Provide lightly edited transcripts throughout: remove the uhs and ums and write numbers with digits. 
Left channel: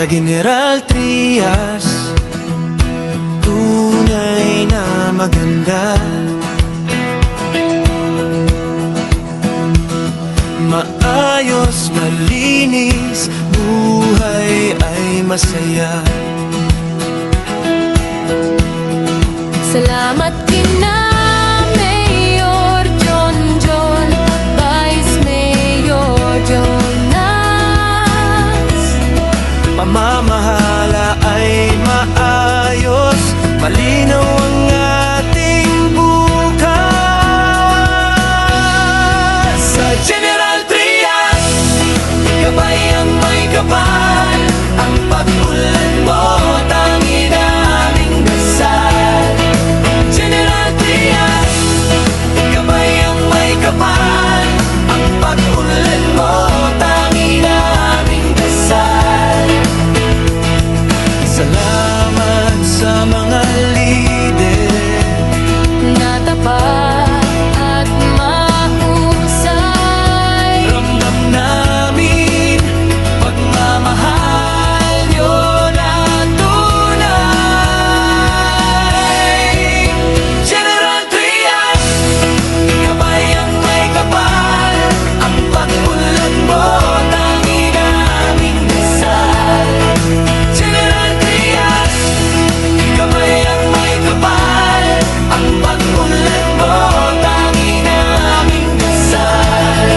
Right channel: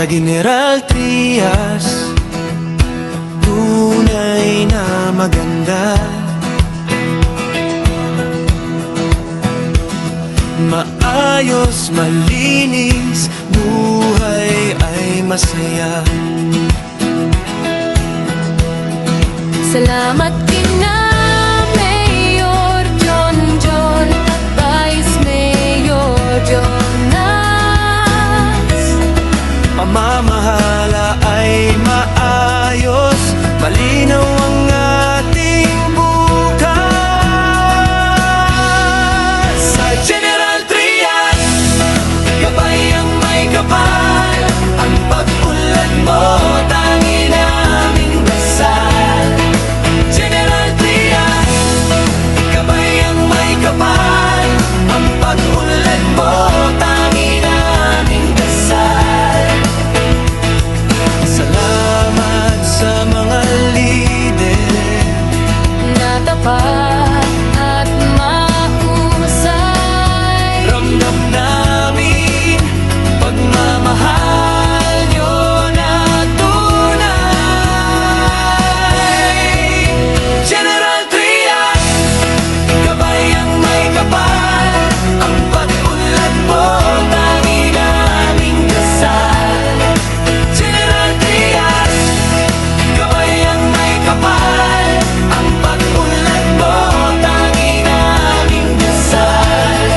Sa General Trias, tunay na maganda. Maayos, malinis, buhay ay masaya. Salamat kina Mayor John at Vice Mayor Jonas. Pamamahala ay maayos, malinaw ang ating bukas. Sa General Trias, gabay ang may kapal. Ang pag-unlad mo, tanging naming dasal. General Trias, gabay ang may kapal. Ang pag-unlad mo, tanging naming dasal. Salamat sa mga lider Na tapat at mahusay. Ramdam namin pagmamahal nyo na tunay. General Trias, gabay ang may kapal. Ang pag-unlad mo, tanging naming dasal. General Trias, gabay ang may kapal. Ang pag-unlad mo, tanging naming dasal.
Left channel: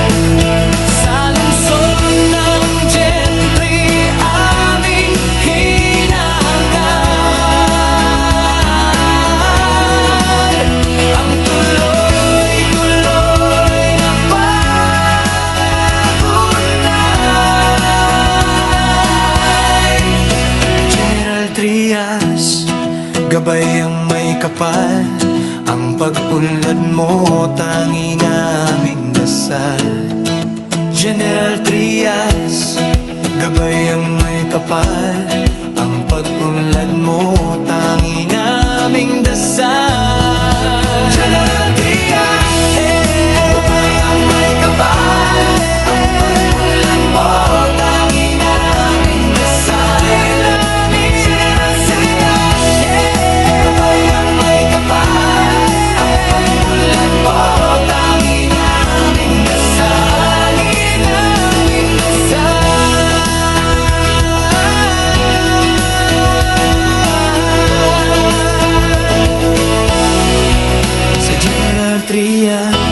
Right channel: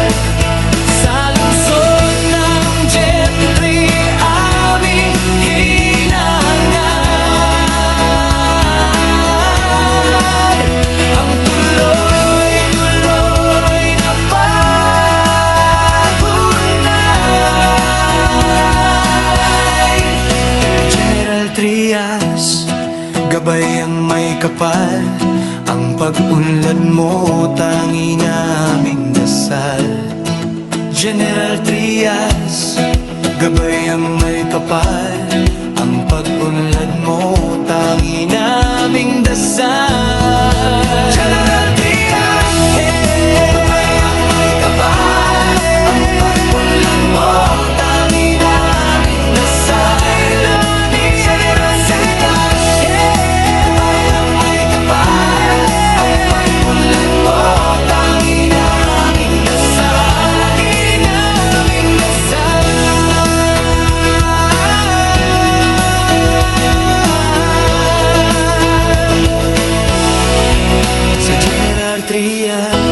Sa lungsod ng Gentry, aming hinahangad ang tuloy-tuloy na pagunlad. General Trias, gabay ang may kapal. Ang pag-unlad mo, tanging naming dasal. General Trias, gabay ang may kapal. Ang pag-unlad mo, tanging naming dasal. General Trias, gabay ang may kapal. Ang pag-unlad mo, tanging naming dasal. General Trias, gabay ang may kapal. Ang pag-unlad mo, tanging naming dasal. Naming dasal. Sa General Trias,